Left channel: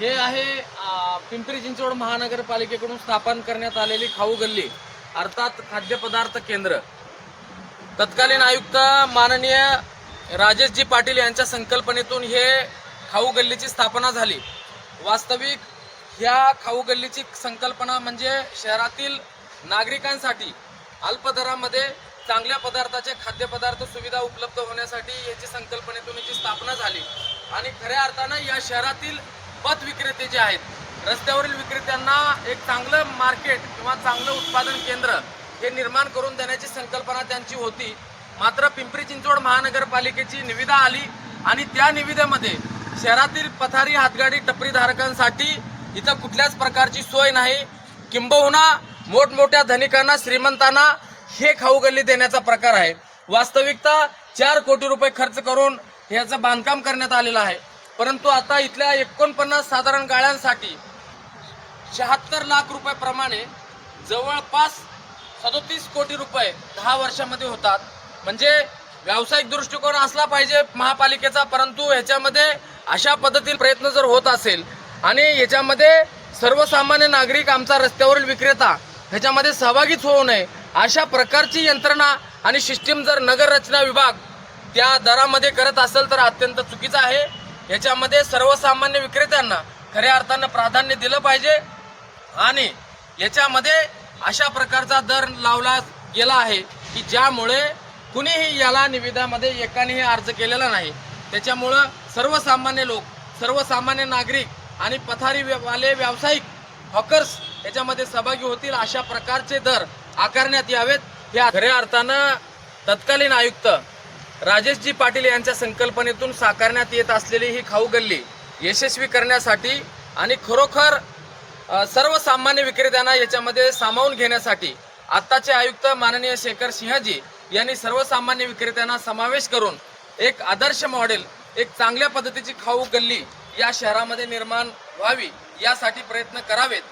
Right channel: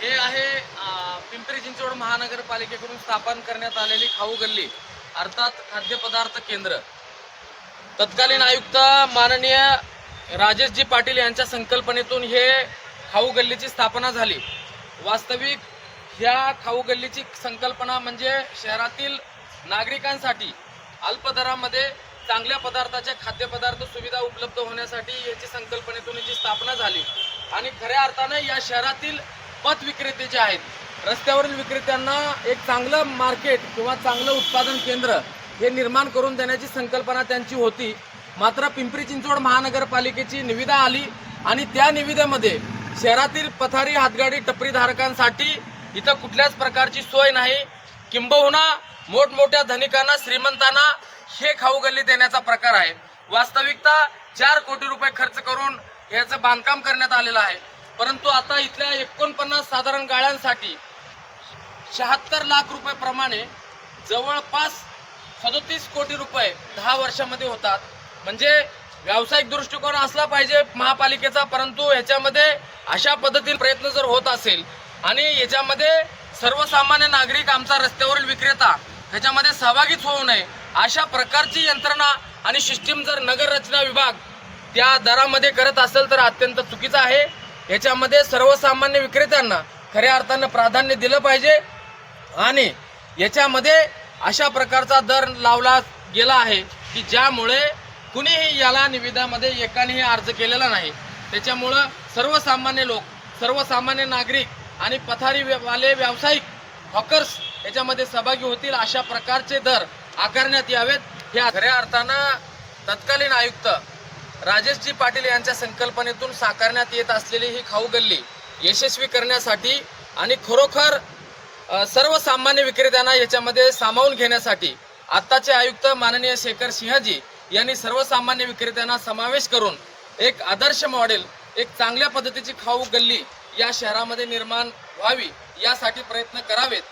हे आहे पिंपरी चिंचवड महानगरपालिकेकडून स्थापन करण्यात आलेली खाऊ गल्ली अर्थात खाद्यपदार्थ केंद्र. तत्कालीन आयुक्त माननीय राजेशजी पाटील यांच्या संकल्पनेतून हे खाऊ गल्लीची स्थापना झाली. वास्तविक ह्या खाऊ गल्लीची संकल्पना म्हणजे शहरातील नागरिकांसाठी अल्प दरामध्ये चांगल्या पदार्थाचे खाद्यपदार्थ सुविधा उपलब्ध होण्यासाठी याची संकल्पनेतून याची स्थापना झाली. आणि खऱ्या अर्थानं या शहरातील पथ विक्रेते जे आहेत? रस्त्यावरील विक्रेत्यांना एक चांगलं मार्केट किंवा चांगलं उत्पादन केंद्र हे निर्माण करून देण्याची संकल्पना त्यांची होती. मात्र पिंपरी चिंचवड महानगरपालिकेची निविदा आली आणि त्या निविदेमध्ये शहरातील पथारी हातगाडी टपरीधारकांसाठी इथं कुठल्याच प्रकारची सोय नाही. किंबहुना मोठमोठ्या धनिकांना श्रीमंतांना हे खाऊ गल्ली देण्याचा प्रकार आहे. वास्तविकता चार कोटी रुपये खर्च करून ह्याचं बांधकाम करण्यात आलेलं आहे. परंतु आता इथल्या एकोणपन्नास साधारण गाळ्यांसाठी शहात्तर लाख रुपयाप्रमाणे जवळपास सदोतीस कोटी रुपये दहा वर्षामध्ये होतात. म्हणजे व्यावसायिक दृष्टिकोन असला पाहिजे महापालिकेचा परंतु ह्याच्यामध्ये अशा पद्धतीने प्रयत्न जर होत असेल आणि याच्यामध्ये सर्वसामान्य नागरिक आमचा रस्त्यावरील विक्रेता ह्याच्यामध्ये सहभागीच होऊ नये अशा प्रकारची यंत्रणा आणि सिस्टीम जर नगर रचना विभाग त्या दरामध्ये करत असेल तर अत्यंत चुकीचं आहे. याच्यामध्ये सर्वसामान्य विक्रेत्यांना खऱ्या अर्थानं प्राधान्य दिलं पाहिजे आणि याच्यामध्ये अशा प्रकारचा दर लावला गेला आहे की ज्यामुळे कुणीही याला निविदामध्ये एकानेही अर्ज केलेला नाही. त्याच्यामुळं सर्वसामान्य लोक सर्वसामान्य नागरिक आणि पथारी वाले व्यावसायिक हॉकर्स याच्यामध्ये सहभागी होतील अशा प्रकारचे दर आकारण्यात यावेत. या खऱ्या अर्थानं तत्कालीन आयुक्त राजेशजी पाटील यांच्या संकल्पनेतून साकारण्यात येत असलेली ही खाऊ गल्ली यशस्वी करण्यासाठी आणि खरोखर सर्वसामान्य विक्रेत्यांना याच्यामध्ये सामावून घेण्यासाठी आत्ताचे आयुक्त माननीय शेखर सिंहजी यांनी सर्वसामान्य विक्रेत्यांना समावेश करून एक आदर्श मॉडेल एक चांगल्या पद्धतीची खाऊ गल्ली या शहरामध्ये निर्माण व्हावी यासाठी प्रयत्न करावेत.